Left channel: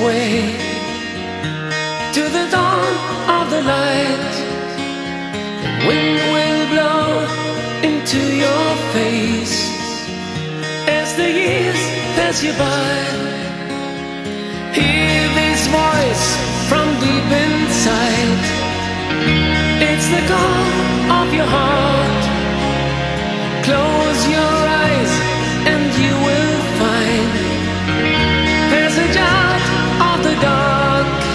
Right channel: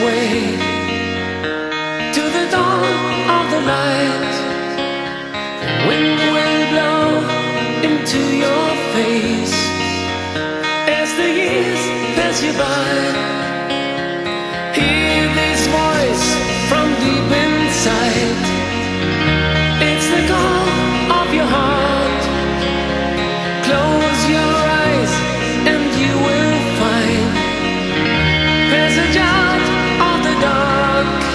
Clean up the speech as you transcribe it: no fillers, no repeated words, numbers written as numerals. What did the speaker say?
way to the dawn of the light. The wind will blow into your face as the years pass you by. Hear this voice from deep inside. It's the call of your heart. Close your eyes and you will find passage out of the dark.